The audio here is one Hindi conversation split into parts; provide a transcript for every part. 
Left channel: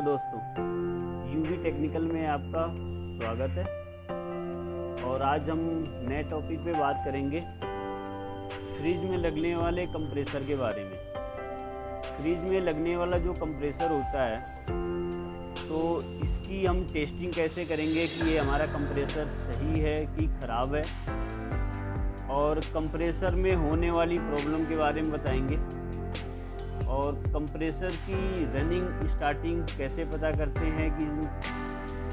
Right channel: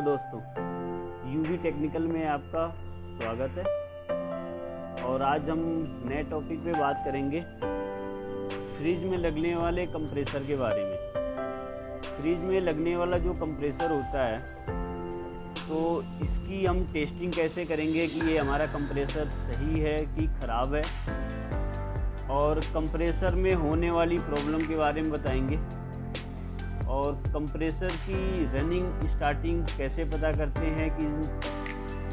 हेलो दोस्तों, यूवी टेक्निकल में आपका स्वागत है। और आज हम नए टॉपिक पे बात करेंगे फ्रिज में लगने वाले कंप्रेसर के बारे में। फ्रिज में लगने वाला जो कंप्रेसर होता है तो इसकी हम टेस्टिंग कैसे करेंगे कि ये हमारा कंप्रेसर सही है कि ख़राब है, और कंप्रेसर में होने वाली प्रॉब्लम के बारे में बताएंगे। और कंप्रेसर की रनिंग स्टार्टिंग कैसे पता करते हैं कि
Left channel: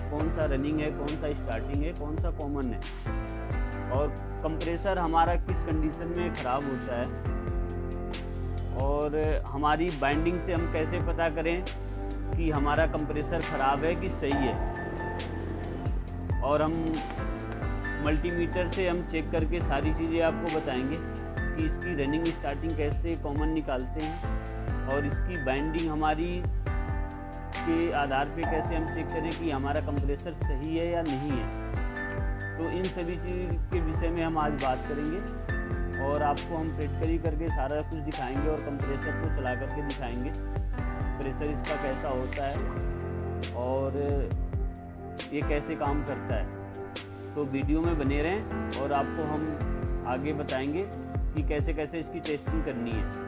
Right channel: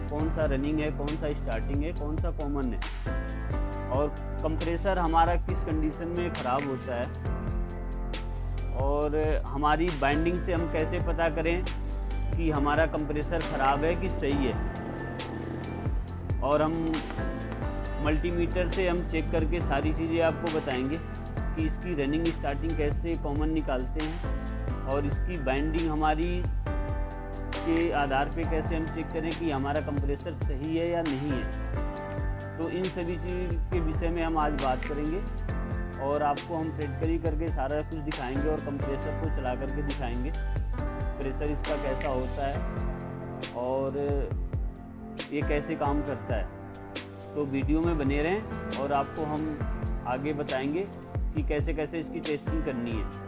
कौन सा रनिंग है, कौन सा स्टार्टिंग है, कौन सा कॉमन है, और कंप्रेसर हमारा किस कंडीशन में ख़राब होता है, और हमारी बाइंडिंग से हम कैसे पता करें कि हमारा कंप्रेसर ख़राब है कि सही है। और हम मल्टीमीटर से हम चेक करके सारी चीज़ें आपको बताएंगे कि इसकी रनिंग स्टार्टिंग कैसे कॉमन निकालते हैं, और इसकी बाइंडिंग हमारी के आधार पे कैसे हम चेक करें कि हमारा कंप्रेसर सही है या नहीं है। तो इन सभी चीज़ के विषय में हम आज बात करेंगे और आपको हम प्रैक्टिकली करके सारा कुछ दिखाएंगे और कंप्रेसर को चला करके दिखाएंगे प्रेशर इसका कैसा होता है और ये कैसे काम करता है। तो वीडियो में बने रहें और आपको हम आगे बताएंगे कि कैसे कैसे इसकी टेस्टिंग करनी है।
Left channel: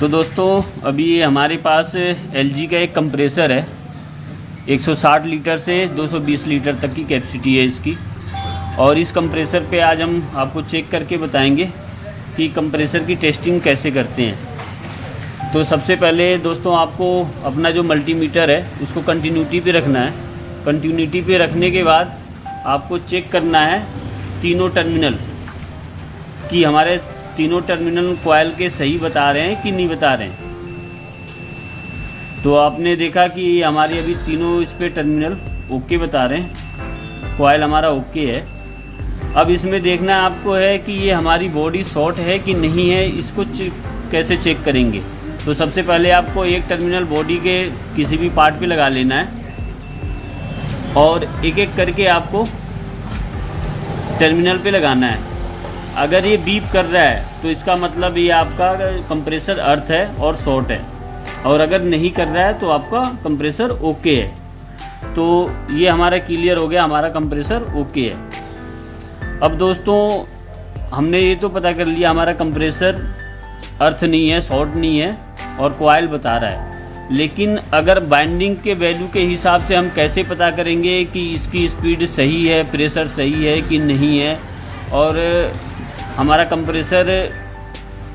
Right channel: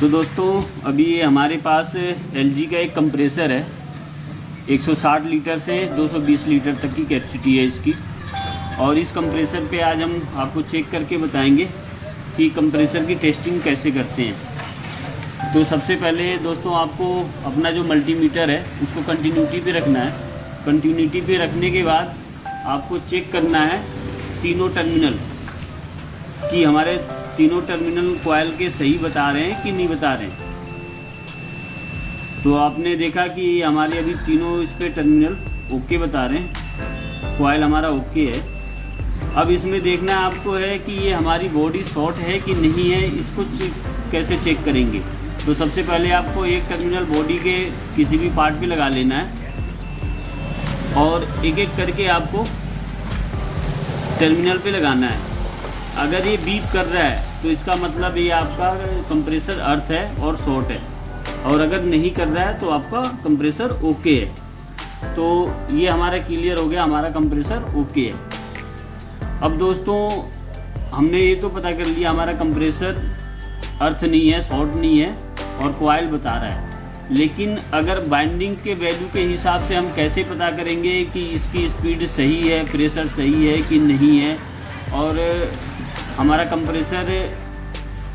तो दोस्तों, अभी ये हमारे पास LG का एक कंप्रेसर है। 160 लीटर से 220 लीटर तक की कैपेसिटी है इसकी। और इस कंप्रेसर पे आज हम आपको चेक करके बताएंगे कि कंप्रेसर की टेस्टिंग कैसे करते हैं। तो सबसे पहले दोस्तों, आपको अपना जो मल्टीमीटर है उसको कंटिन्यूटी पे रखना है। कंटिन्यूटी पे रखने के बाद आपको चेक करना है तीनों टर्मिनल कि हमारे तीनों टर्मिनल कॉइल के सही बता रहे हैं कि नहीं बता रहे हैं। तो आपने देखा कि हमारे अभी तीनों इस पे टर्मिनल ओके बता रहे हैं, कॉइल हमारा ओके है। अब इसमें देखना आपको है कि ये हमारी बॉडी शॉर्ट है कि नहीं है, इसको कैसे चेक करेंगे। तो सबसे पहले आपको एक टर्मिनल बॉडी के किसी भी पार्ट पे लगा लेना है और एक एक करके आपको टर्मिनल पे लगाना है। अगर ये बीप कर रहा है तो इसका मतलब ये आपका कंप्रेसर अर्थ है और शॉर्ट है, और अगर नहीं कर रहा है तो आपका कंप्रेसर ओके है। तो ये हमारा क्लियर हो गया, हमारा कंप्रेसर ओके है। अब दोस्तों, हमने ये तो पता कर लिया हमारा कंप्रेसर अर्थ नहीं है, शॉर्ट नहीं है और कॉइल बता रहा है। लेकिन अगर बाइंडिंग के वैल्यू के हिसाब से हम कैसे पता करेंगे कि इसकी स्पीड सही है, प्रेशर सही है कि नहीं है, और हमारा कंप्रेसर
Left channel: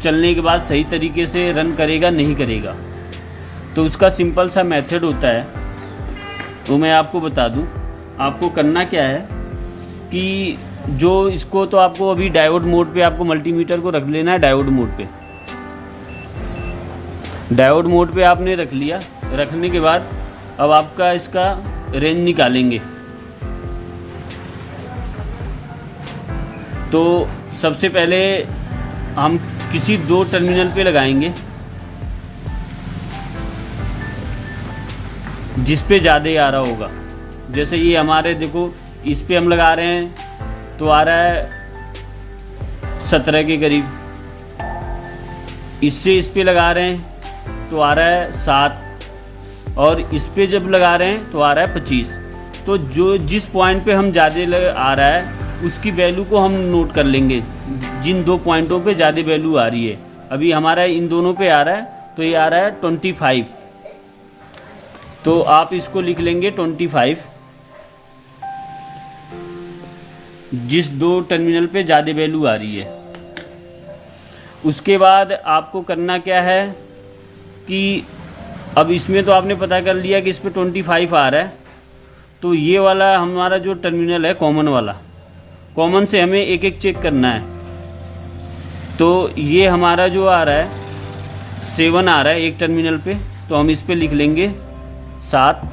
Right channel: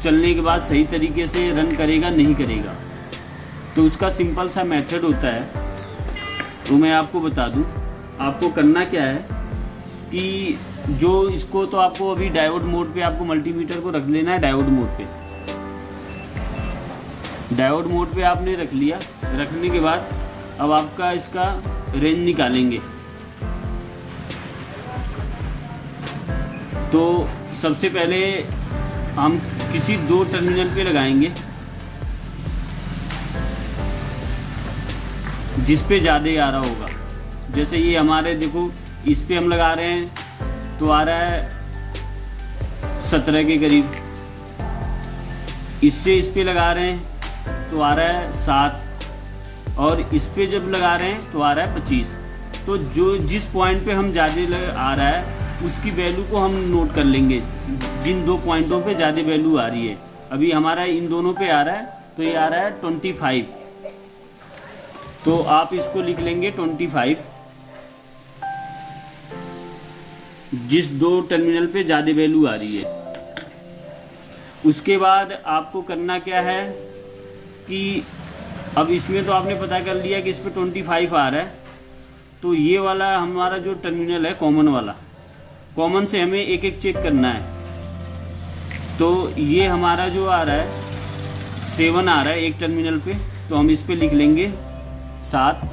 चलने के बाद सही तरीके से रन करेगा नहीं करेगा। तो उसका सिंपल सा मेथड होता है, तो मैं आपको बता दूं। आपको करना क्या है कि जो इसको तो आपको अभी डायोड मोड पे आपको मल्टीमीटर को रख लेना है। डायोड मोड पे, डायोड मोड पे आपने रख लिया। रखने के बाद अब आपका इसका रेंज निकालेंगे। तो सबसे पहले हम किसी दो टर्मिनल पे लगाएंगे जिस पे ज़्यादा आ रहा होगा। जैसे ये हमारे देखो, इस पे हम लगा रहे हैं तो आ रहा है 17 के करीब। इससे इस पे लगा रहे हैं तो आ रहा है 7, और इस पे जब लगा रहे हैं तो आ रहा है 25। तो जो जिस पॉइंट पे हम ज़्यादा आ रहा है उसकी वैल्यू को हम नोट कर लेंगे, जिन दो पॉइंटों पे ज़्यादा वैल्यू आ रही है। अभी हमारा इन दोनों पे आ रहा है तो ये आ रहा है 25, तो आप इसको लिख लेंगे 25। जिस दो टर्मिनल पे ज़्यादा वैल्यू आ रही है। उसके बाद आपको करना क्या है कि अब इसमें तो आपने पता कर लिया कि इस पे 25 आ रहा है, तो ये वाला हमारा जो टर्मिनल है कॉमन वाला, कॉमन से हमें एक एक चेक करना है। तो ये हमारा जो आ रहा है 7 आ रहा है एक टर्मिनल पे, तो हम इस पे लिख लेंगे 7।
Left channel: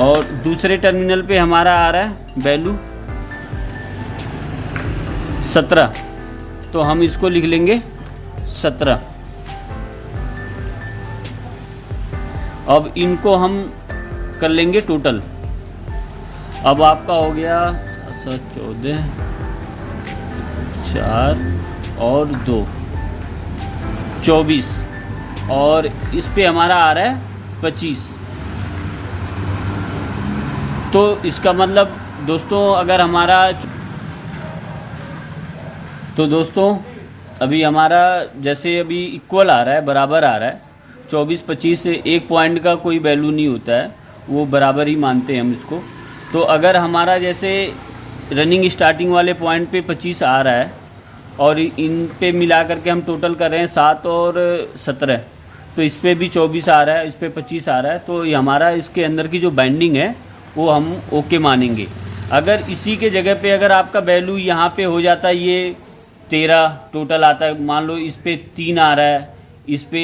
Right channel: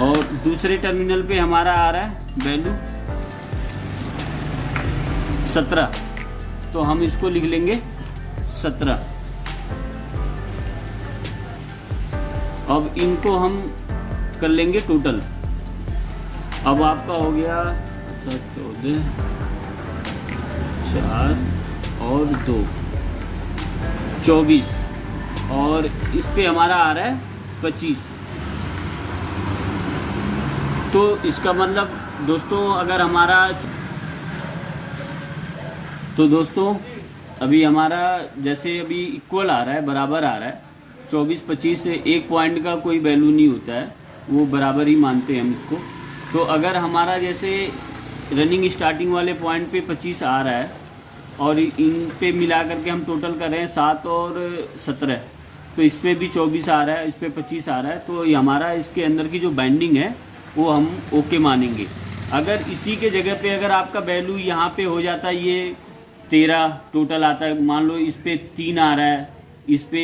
और दूसरे टर्मिनल पे हमारा आ रहा है वैल्यू 17, तो हम इसको लिख लेंगे 17। अब इनको हम कर लेंगे टोटल। अब आपका हो गया 14, 4, और 2 24 और इस पे हमारा आ रहा है 25। तो इसका मतलब दोस्तों अगर हमारा अभी हमारा जैसे अभी इक्वल आ रहा है, बराबर आ रहा है 24-25 से 1 पॉइंट का कोई वैल्यू नहीं होता है, वो बराबर ही मानते हैं हम इसको। तो अगर हमारा जैसे रनिंग स्टार्टिंग वाले पॉइंट पे 25 आ रहा है और इन पे मिला करके हम टोटल कर रहे हैं 7 और 17, तो इस पे भी 24 आ रहा है, इस पे 25 आ रहा है, तो ये हमारा इसके अंदर की जो बाइंडिंग है वो हम ओके मानेंगे। अगर इसी के जगह पे अगर आपका वैल्यू यहाँ पे हो जाता है, ये 13 टोटल आता है, मान लो इस पे 3 आ रहा है, इस पे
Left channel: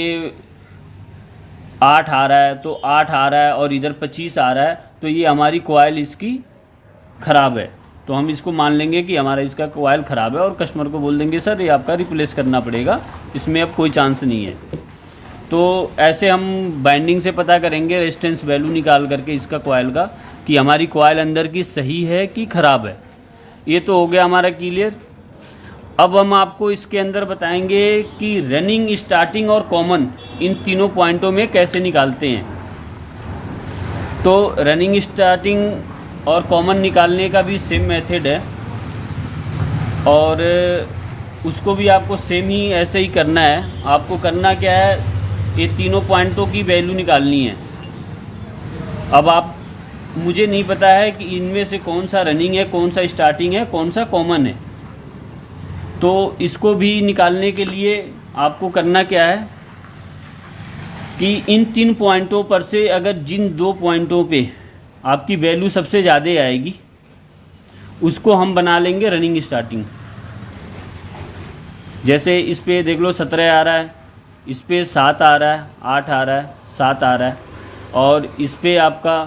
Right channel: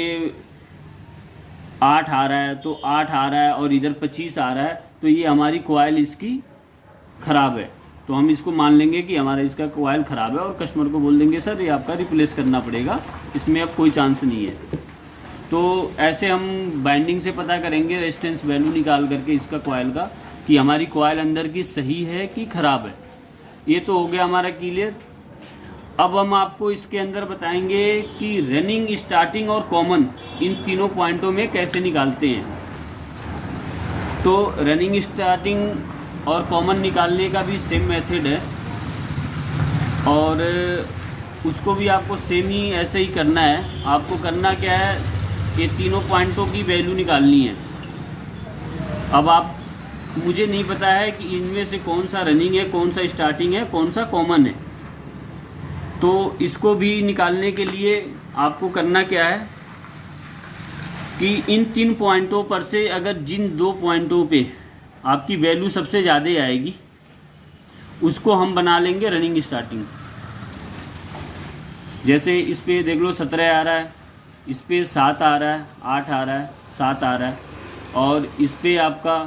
8 आ रहा है, तो 8 आ रहा है और इधर 25 आ रहा है, तो ये हमारी कॉइल इसकी ख़राब है। तो हम इसको मान लेंगे कि हमारा इसका कॉइल ख़राब है और कस्टमर को बोल देंगे सर ये आपका रिप्लेस करना पड़ेगा, इसमें अब कोई चांस नहीं है। तो ऐसे हम बाइंडिंग से पता करेंगे रेजिस्टेंस वैल्यू निकाल करके इसका कॉइल का, कि हमारी कॉइल अंदर की सही है कि ख़राब है। ये तो हो गया हमारा क्लियर। अब हम आपको इसके अंदर बताएंगे कि रनिंग, स्टार्टिंग और कॉमन इन तीनों पॉइंटों में कैसे निकालते हैं। तो रनिंग, स्टार्टिंग और कॉमन निकालने का भी सेम मेथड है और उसको भी आपको सेम ही ऐसे ही करना है। आपको करना क्या है, ये तीनों पॉइंटों की वैल्यू निकालनी है। अब आप, मुझे नहीं पता है कि इनमें से कौन सा रनिंग है, कौन सा स्टार्टिंग है, कौन सा कॉमन है। तो इसको भी निकालने के लिए आपको करना क्या है कि इन 3 पॉइंटों पर से अगर जिन 2 पॉइंटों पे आपकी वैल्यू सबसे ज़्यादा आएगी उसको हम बना लेंगे रनिंग स्टार्टिंग। जैसे इस पे देख लो 17 आ रहा है, इस पे 7 आ रहा है, 8 आ रहा है, 7 आ रहा है और इस पे आपका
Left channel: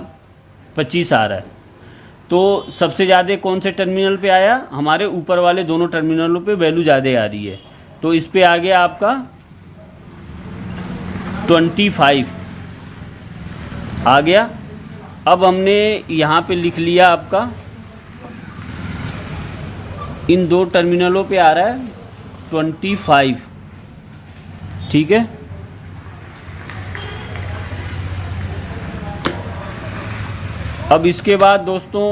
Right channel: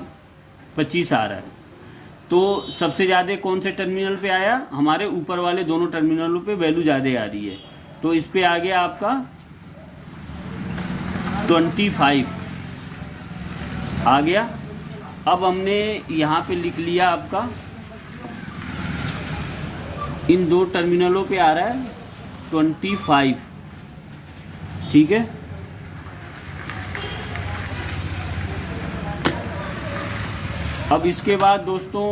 25 आ रहा है। तो सबसे ज़्यादा कौन से टर्मिनल पे आया, हमारे ऊपर वाले दोनों टर्मिनलों पे वैल्यू ज़्यादा आ रही है। तो इस पे आ गया आपका 25 आ गया। अब हमने यहाँ पे लिख लिया आपका इन 2 टर्मिनलों पे आ रहा है 25, ठीक है। अब इसके बाद दोस्तों,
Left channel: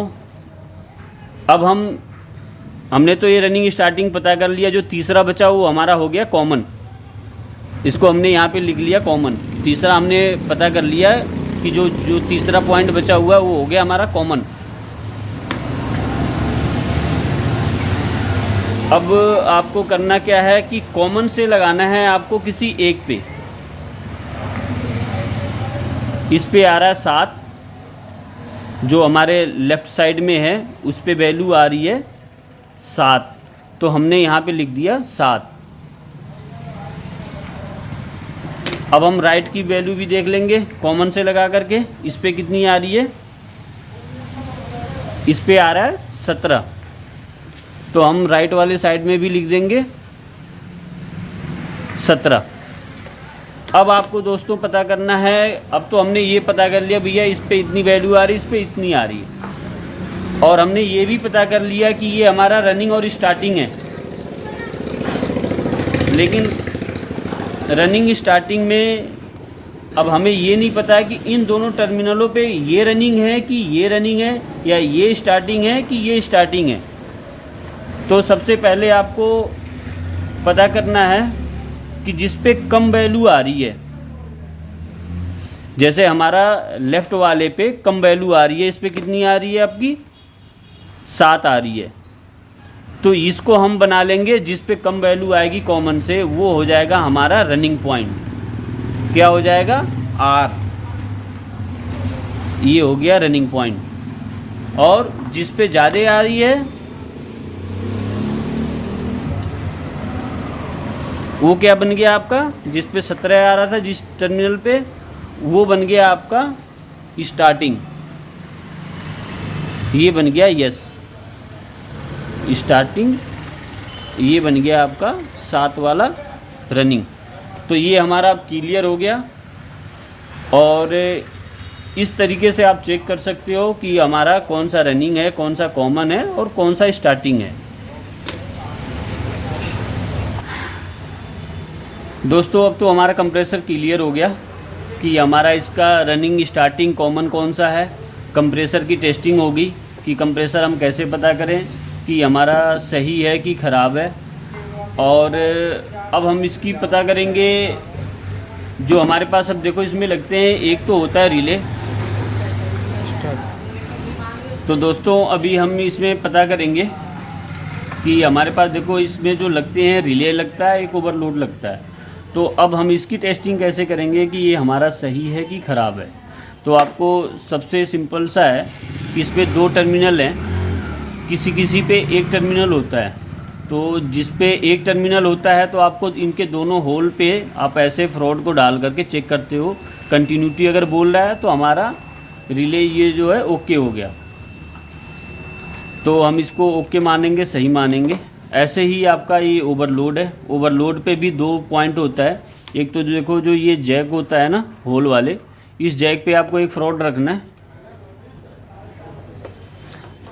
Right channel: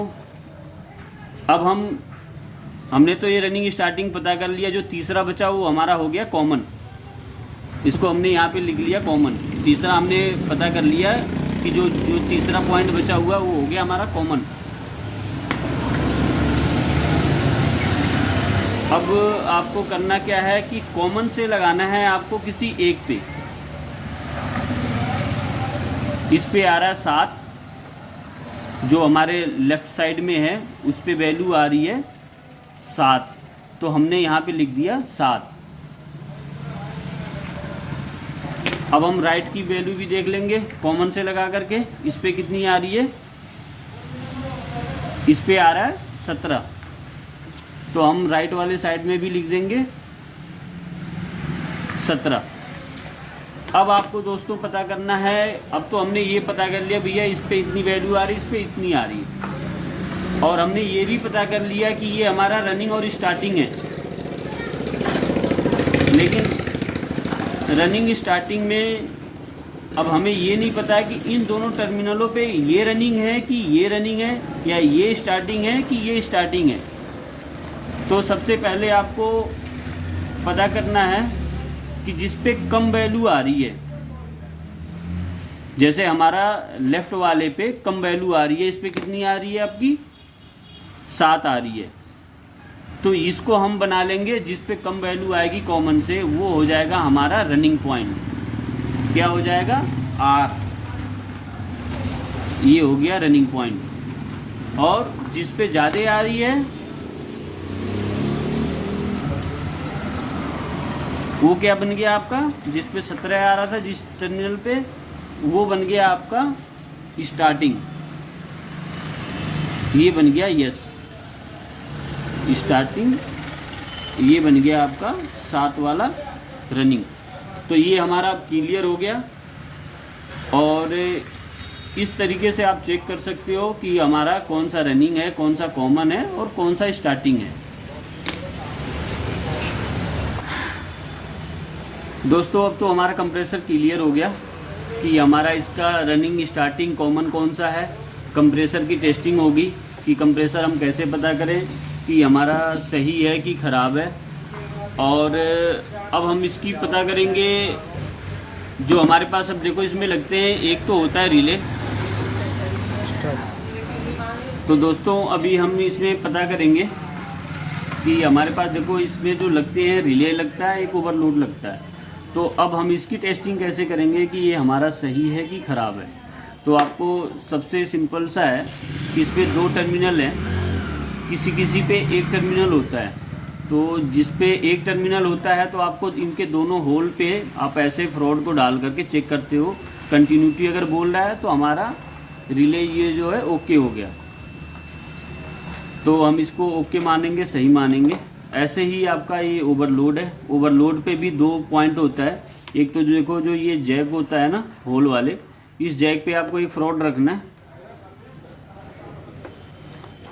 अब हमने तो ये रनिंग स्टार्टिंग पता कर लिया। जो तीसरा बचा वो हमारा हो गया कॉमन, इसको हमने यहाँ पे लिख लिया कॉमन। तीसरा हमने पता कर लिया कि जो तीसरा पॉइंट बचा हुआ है वो हो गया हमारा कॉमन। अब आपको करना क्या है कि कॉमन से लगाना है आपको किसी एक पे। इस पे आ रहा है 7, जो हमारे लेफ़्ट साइड में है उस पे वैल्यू आ रही है 7, तो हमने यहाँ पे लिख दिया 7। अब हम राइट की वैल्यू भी देख लेंगे कॉमन से लगा करके। इस पे कितनी आ रही है, इस पे आ रहा है 17, तो हम राइट वाले साइड में भी लिख देंगे 17। अब आपको दोस्तों पता करना है, अब तो हमने ये पता कर लिया भैया इस पे इतनी वैल्यू आ रही है, इस पे इतनी आ रही है, और हमने ये भी पता कर लिया कि ये हमारा रनिंग और स्टार्टिंग है। लेकिन रनिंग स्टार्टिंग में अब हमें ये नहीं पता है कि इन दोनों टर्मिनलों पे ये रनिंग है कि ये रनिंग है, या ये स्टार्टिंग है कि ये स्टार्टिंग है। तो सबसे पहले आपको पता करना है कि जिस पे कम वैल्यू आ रही है, जैसे हमारा लेफ़्ट वाले पे कम वैल्यू आ रही है, इस पे कितनी आ रही है आपकी 7 आ रही है, तो इसको हम बना लेंगे जिस पे कम वैल्यू आएगी कॉमन से, वो हो जाएगा हमारा रनिंग पॉइंट। क्या हो जाएगा, R। ये हो गया रनिंग पॉइंट। और जिस पे ज़्यादा आ रही है वो क्या बन गया आपका, जिस पे 17 आ रहा था जिस टर्मिनल पे, वो बन गया आपका स्टार्टिंग। ये बन गया यस स्टार्टिंग, ये बन गया आपका 7 वाला रनिंग। तो ये हमारा क्लियर हो गया। और इस तरीके से आप चेक कर सकते हो कि हमारा कौन सा रनिंग है, कौन सा कॉमन है और कौन सा स्टार्टिंग है। दोस्तों अब तो हमारा कंप्रेसर क्लियर हो गया कि हमारा इसका रनिंग स्टार्टिंग कॉमन कौन सा है। कंप्रेसर की टेस्टिंग होगी कि कंप्रेसर हम कैसे पता करें कि हमारा सही है कि ख़राब है। और अब हम इसकी पता करेंगे जो हमारे पास, अब देखो इसमें लगते हैं, एक तो होता है रिले। तो दोस्तों अभी हम इसमें पता करेंगे कि हमारे पास देखो इसमें जो लगते हैं, रिले लगता है, एक ओवरलोड लगता है। तो अब हम इसकी टेस्टिंग कैसे करेंगे कि ये हमारा सही है कि ख़राब है। तो आपको सबसे सिंपल सा है कि इस पर 2 टर्मिनल हैं, किसी किसी पे एक टर्मिनल होता है। तो जिस पे एक टर्मिनल होता है तो आपको इनके दोनों होल पे आप ऐसे फ्रॉड को डाल करके चेक करते हो। कंटिन्यूटी अगर बोल रहा है तो हमारा रिले ये जो है ओके हो गया, तो हम इसको ओके मानेंगे, सही मानेंगे। ऐसे ही आपका ये ओवरलोड है। ओवरलोड पे भी 2 पॉइंट होता है। एक तो जो देखो जो ये जैक होता है ना होल वाले, इस जैक पे आपको एक फ्रॉड रखना है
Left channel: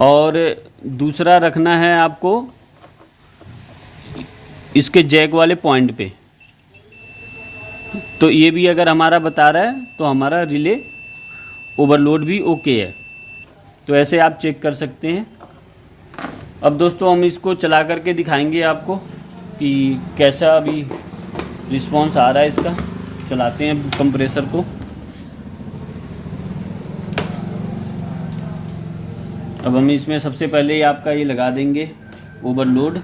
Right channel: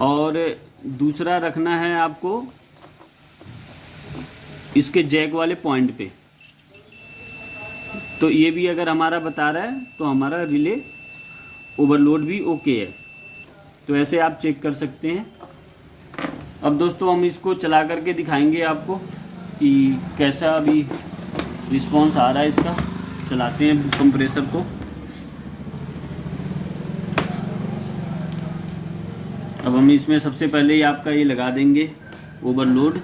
और दूसरा रखना है आपको इसके जैक वाले पॉइंट पे। तो ये भी अगर हमारा बता रहा है तो हमारा रिले ओवरलोड भी ओके है। तो ऐसे आप चेक कर सकते हैं। अब दोस्तों हम इसको चला करके दिखाएंगे आपको कि कैसा अभी रिस्पांस आ रहा है इसका। चलाते हैं कंप्रेसर को। अब हम इसमें सबसे पहले ही आपका ये लगा देंगे ओवरलोड।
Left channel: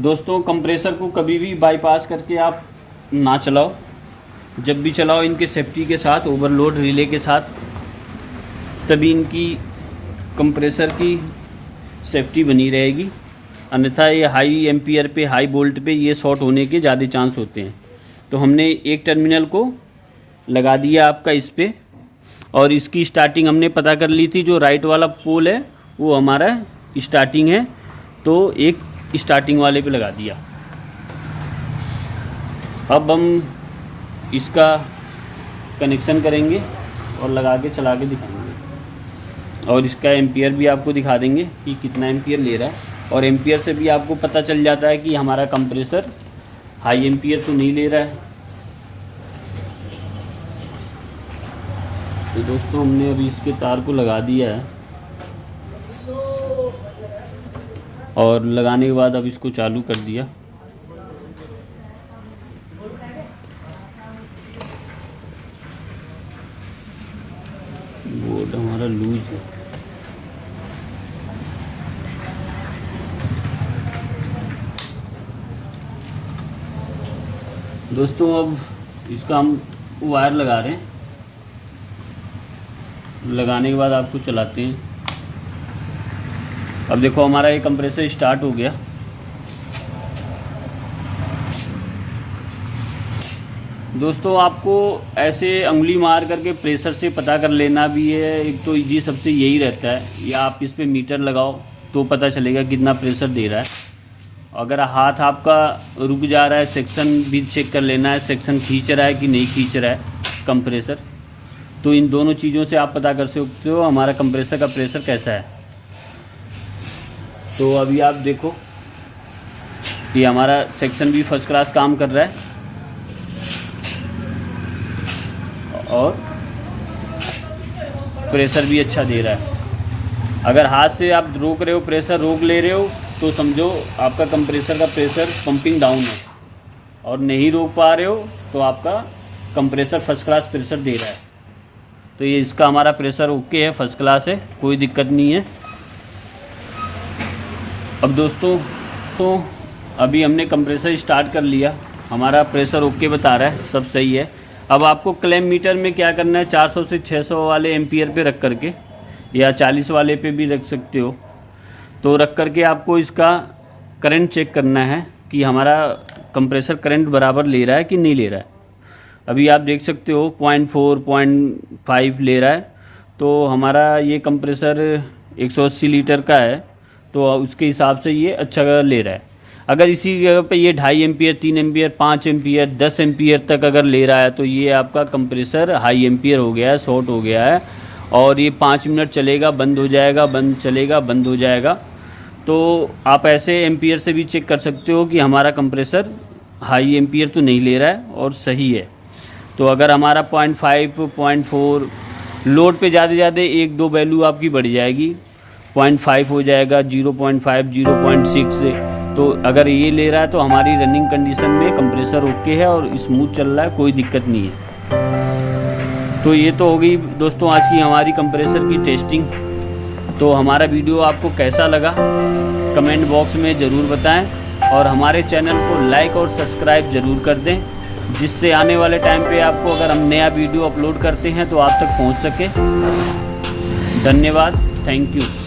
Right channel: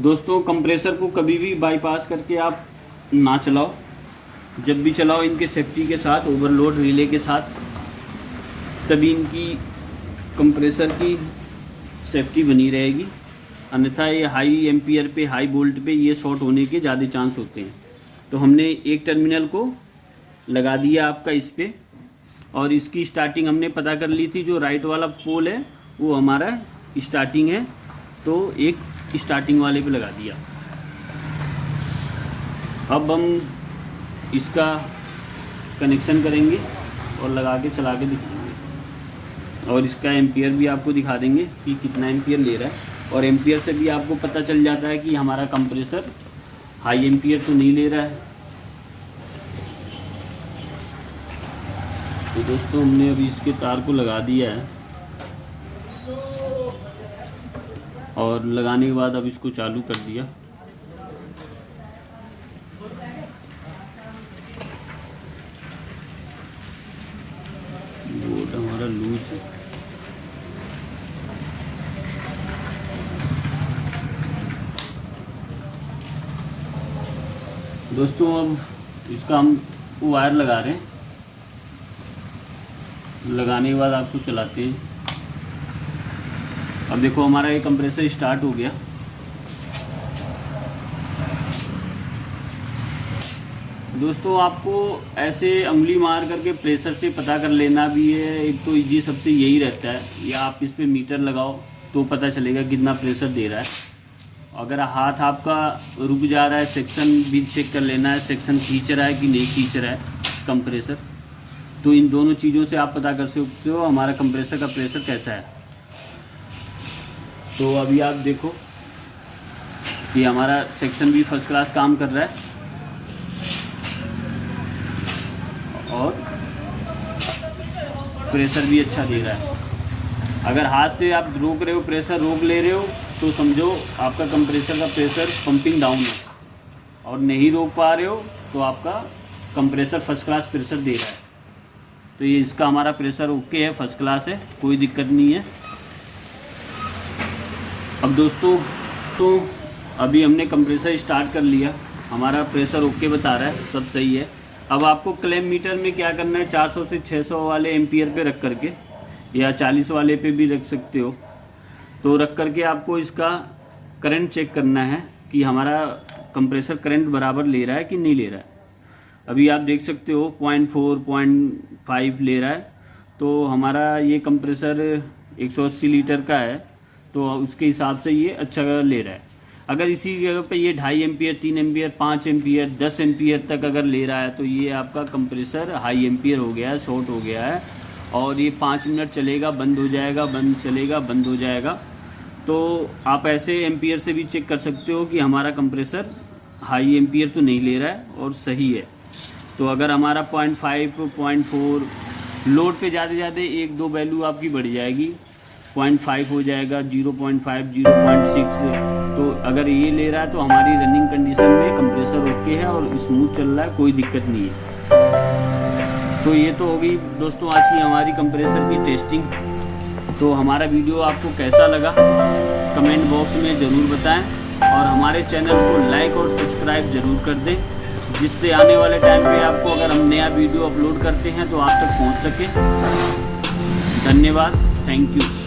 दोस्तों कंप्रेसर को कभी भी बाईपास करके आप ना चलाओ, जब भी चलाओ इनके सेफ्टी के साथ, ओवरलोड रिले के साथ, तभी इनकी कंप्रेसर की सेफ्टी बनी रहेगी। अन्यथा ये हाई एम्पियर पे, हाई वोल्ट पे ये शॉर्ट होने के ज़्यादा चांस होते हैं। तो हमने एक टर्मिनल को लगा दिया आपका इस पे, और इसकी स्टार्टिंग हमने पता कर ली थी। जो राइट वाला पोल है वो हमारा स्टार्टिंग है, तो एक स्टार्टिंग वाले पे लगा दिया। अब हम इसका कनेक्शन करेंगे और लगा के चला के दिखाएंगे, और इसका एम्पियर भी आपको दिखा देंगे कि कितना एम्पियर ले रहा है। और एम्पियर से भी आपको पता चल जाता है कि हमारा कंप्रेसर हाई एम्पियर तो नहीं ले रहा है। तो दोस्तों हमने अभी इसके तार को लगा दिया है, और लगाने के बाद अब इसको चालू कर दिया। बोर्ड हमारा लूज है। दोस्तों अब इसका हम वायर लगा रहे हैं। लगाने के बाद आपको चलाते हैं। अब देखो हमारा ये कंप्रेसर स्टार्ट हो गया। दोस्तों आपको ऐसे उंगली मार करके प्रेशर से पता कर लेना भी है। एक तो इजी सबसे यही रहता है, या आप इस पे मीटर लगाओ तो पता चलेगा कितना प्रेशर दे रहा है। अगर हाथ आपका रुक जा रहा है, सेक्शन भी चेक कर लेना है, सेक्शन खींच रहा है कि नहीं खींच रहा है कंप्रेसर। तो इन दोनों चीज़ों से आप पता कर सकते हो हमारा कंप्रेसर का प्रेशर कैसा है। तो अभी आप देखो कि हमारा सेक्शन भी फर्स्ट क्लास काम कर रहा है, और प्रेशर भी अच्छा दे रहा है। अगर हाथ से आप रोक रहे हो, प्रेशर रोक ले रहे हो, तो समझो आपका कंप्रेसर का प्रेशर पंपिंग डाउन है। और नहीं रोक पा रहे हो तो आपका कंप्रेसर फर्स्ट क्लास प्रेशर दे रहा है। तो ये इसका हमारा प्रेशर ओके है, फर्स्ट क्लास है, कोई दिक्कत नहीं है। अब दोस्तों तो अभी हमने कंप्रेसर स्टार्ट कर लिया, हमारा प्रेशर ओके बता रहा है, सब सही है। अब आपको क्लैम मीटर में क्या करना है, 400 से 600 वाले एम्पियर पे रख करके, या 40 वाले पे भी रख सकते हो। तो रख करके आपको इसका करंट चेक करना है कि हमारा कंप्रेसर करंट बराबर ले रहा है कि नहीं ले रहा है। अभी आप देख सकते हो 0.4 0.5 ले रहा है। तो हमारा ये कंप्रेसर 180 लीटर का है, तो उसके हिसाब से ये अच्छा ले रहा है। अगर इसी जगह पे ये 2.5 एम्पियर, 3 एम्पियर, 5 एम्पियर, 10 एम्पियर तक अगर ले रहा है, तो ये आपका कंप्रेसर हाई एम्पियर हो गया है, शॉर्ट हो गया है, और ये 5 मिनट चलेगा, बंद हो जाएगा, बंद चलेगा, बंद हो जाएगा। तो आप ऐसे एम्पियर से भी चेक कर सकते हो कि हमारा कंप्रेसर हाई एम्पियर तो नहीं ले रहा है और सही है। तो अगर हमारा 0.5, 0.4 लोड पे ज़्यादा 1-2 वैल्यू आपकी बढ़ जाएगी, 0.5 हो जाएगा, 0.5, 0.6। तो अगर ये ले रहा है तो हमारी रनिंग कंडीशन में कंप्रेसर ओके है और स्मूथ चल रहा है, कोई दिक्कत नहीं है। तो ये तो हो गई दोस्तों आज की हमारी कंप्रेसर की टेस्टिंग। तो हमारा वीडियो आपको कैसा लगा कमेंट बॉक्स में ज़रूर बताएं और हमारे चैनल को लाइक और सब्सक्राइब ज़रूर कर दें, जिससे आने वाले टाइम पे आपको अगर हम नया वीडियो अपलोड करते हैं तो आप तक पहुंच सके। धन्यवाद, थैंक यू।